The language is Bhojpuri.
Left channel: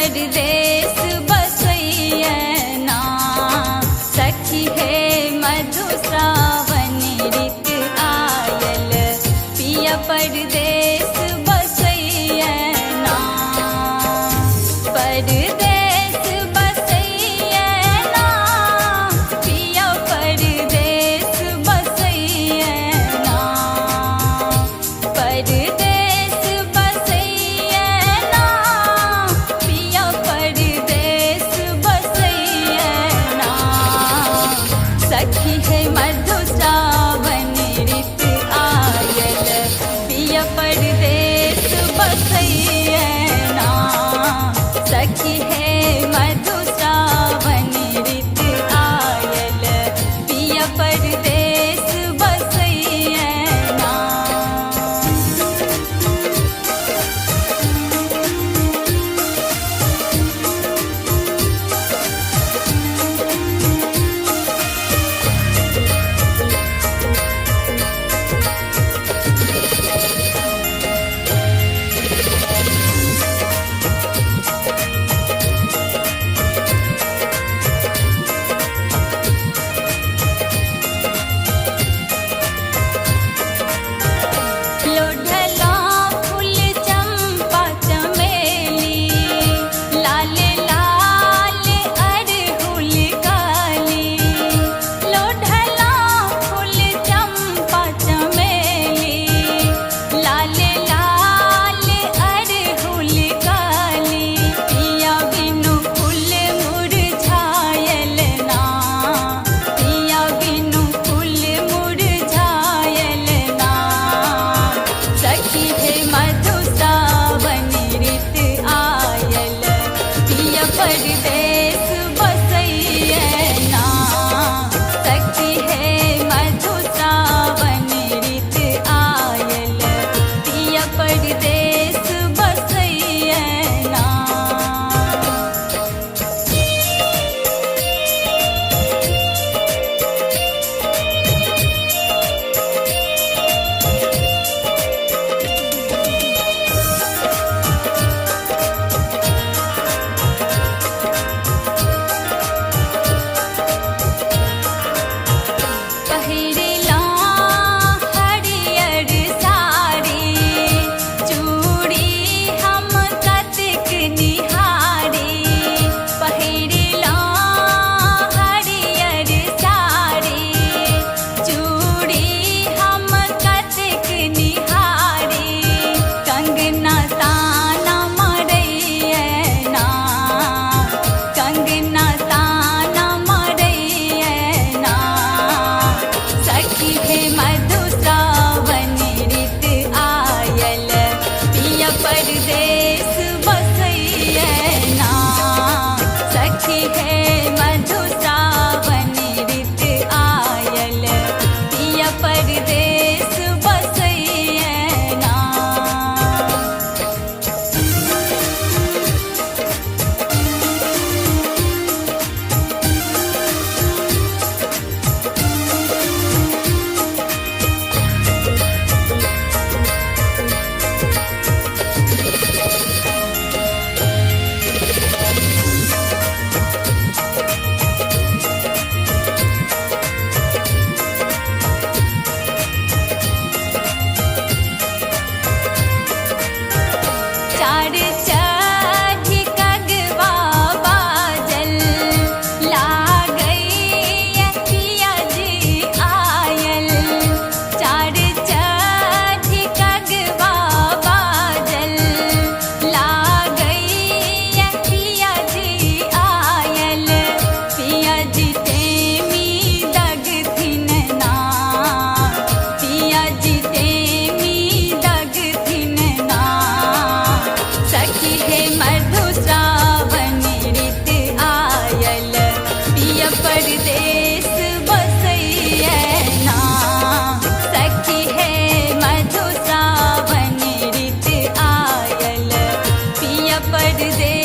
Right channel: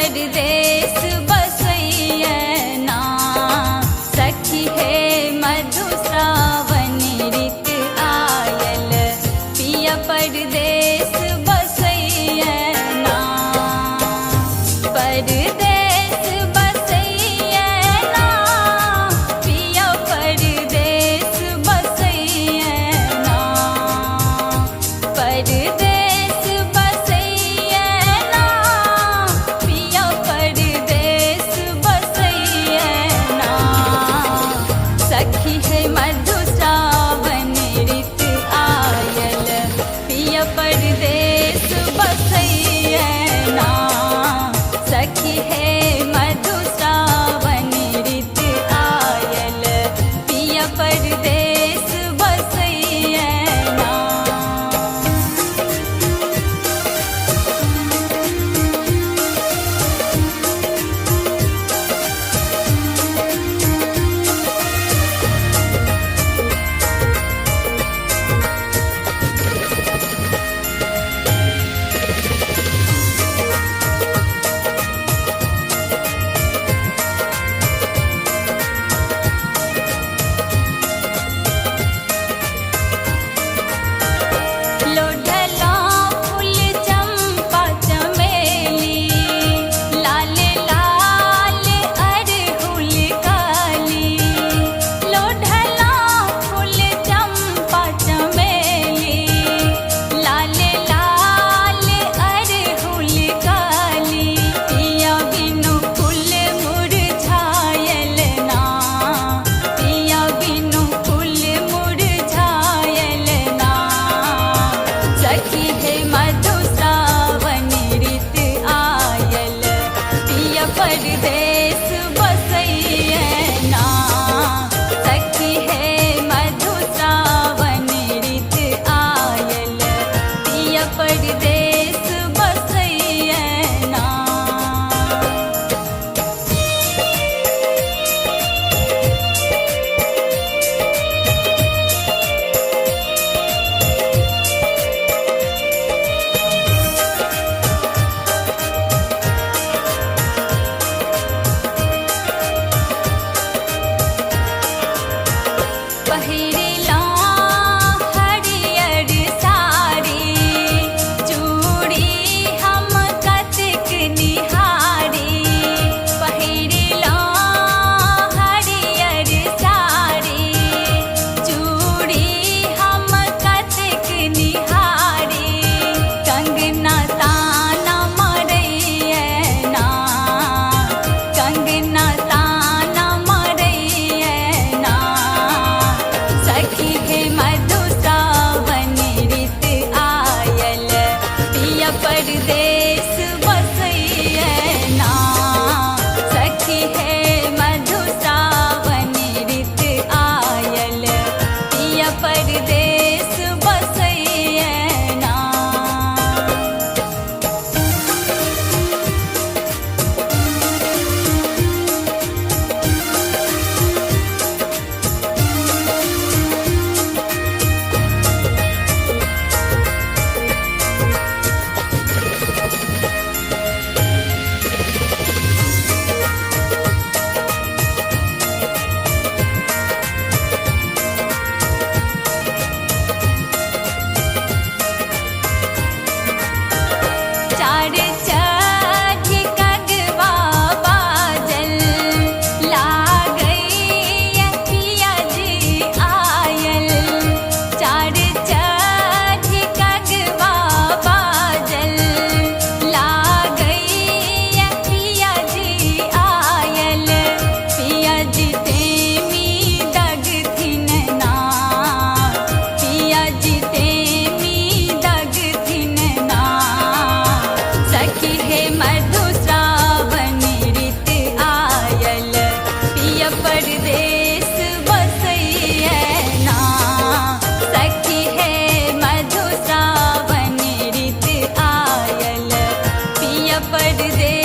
परदेस बसैयना सखी है मधु श्रावण ऋत आयल पिया परदेस बसैयना परदेस बसैयना पिया परदेस बसैयना परदेस बसैयना पिया परदेस बसैयना सखी है मधु श्रावण ऋत आयल पिया परदेस बसैयना सखी है मधु श्रावण ऋत आयल पिया परदेस बसैयना लोढ़ला फूल चंपा चमेली लाल लाल अड़हुल काली लोढ़ला फूल चंपा चमेली लाल लाल अड़हुल काली पिया बिनु फूल मुरझायल ना पिया बिनु फूल मुरझायल ना सखी है मधु श्रावण ऋत आयल पिया परदेस बसैयना सखी है मधु श्रावण ऋत आयल पिया परदेस बसैयना पहिरला हरियर साड़ी चूड़ी हम कतिक निहारी पहिरला हरियर साड़ी चूड़ी हम कतिक निहारी कंगना ताना मरैयना कंगना ताना मरैयना सखी है मधु श्रावण ऋत आयल पिया परदेस बसैयना सखी है मधु श्रावण ऋत आयल पिया परदेस बसैयना चार चाँद कगवा बाजल लागैया पिया जी आयल चार चाँद कगवा बाजल लागैया पिया जी आयल पिया जी तेमी दगथिन ना पिया जी तेमी दगथिन ना सखी है मधु श्रावण ऋत आयल पिया परदेस बसैयना सखी है मधु श्रावण ऋत आयल पिया परदेस